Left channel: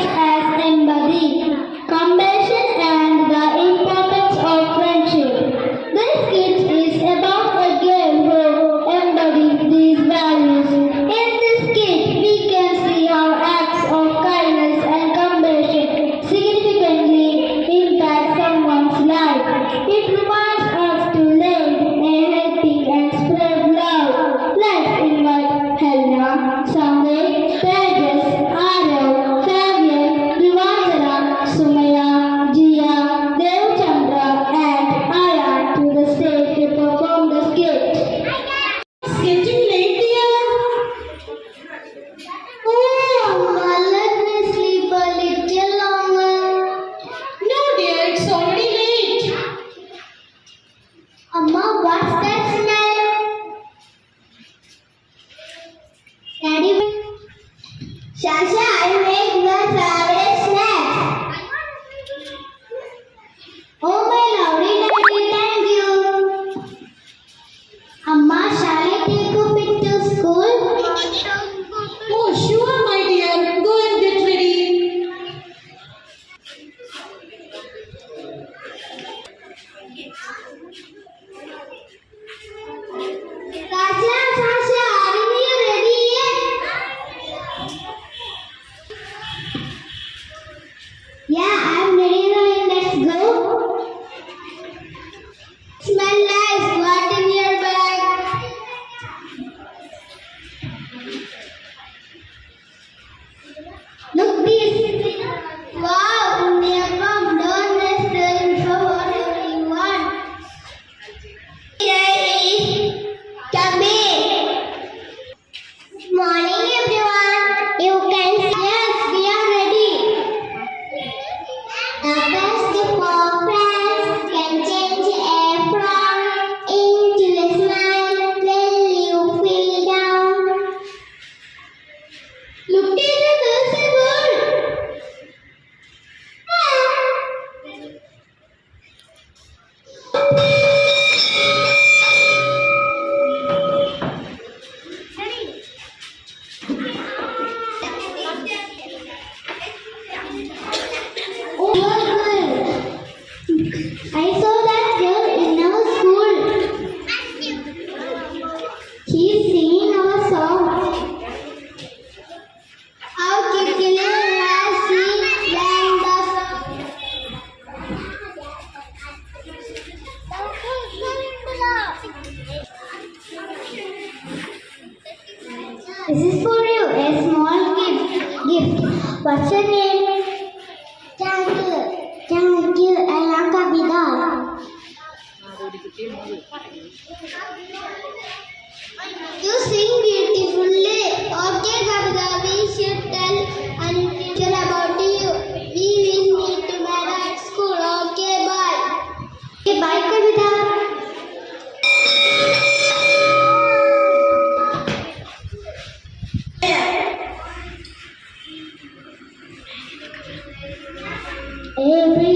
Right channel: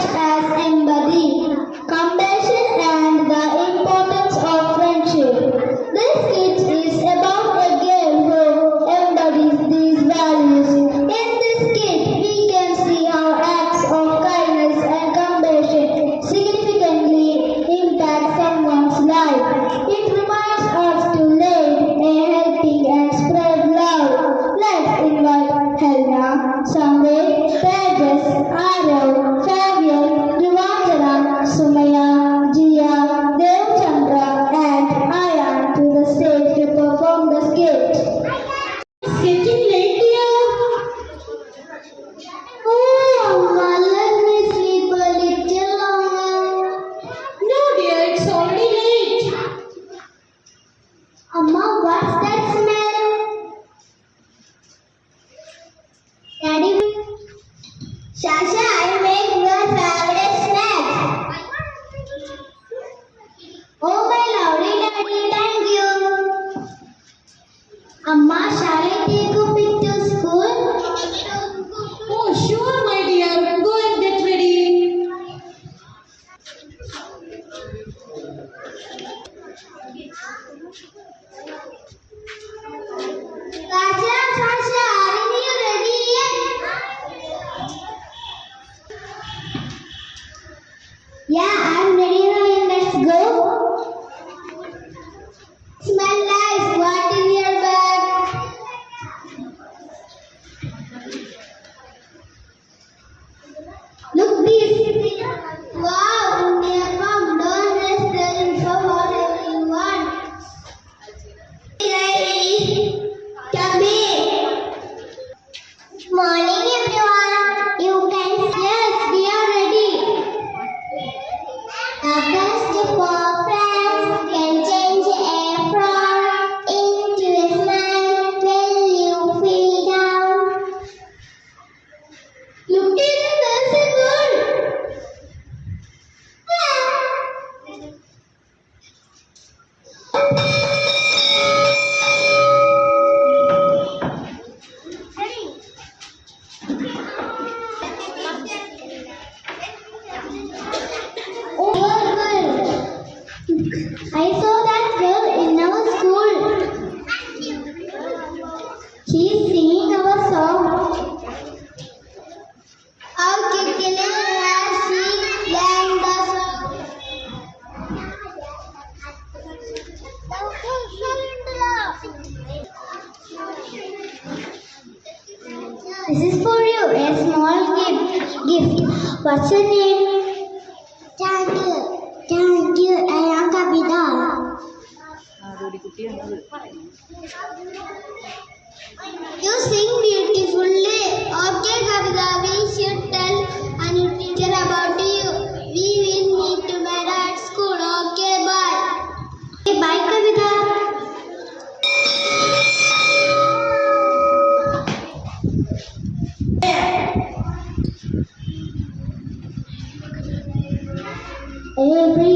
much as Shasha, I make your This is for you, a small gift. gift. What's your name? Thank you. Thank you. I am Kavita. You sing A, B,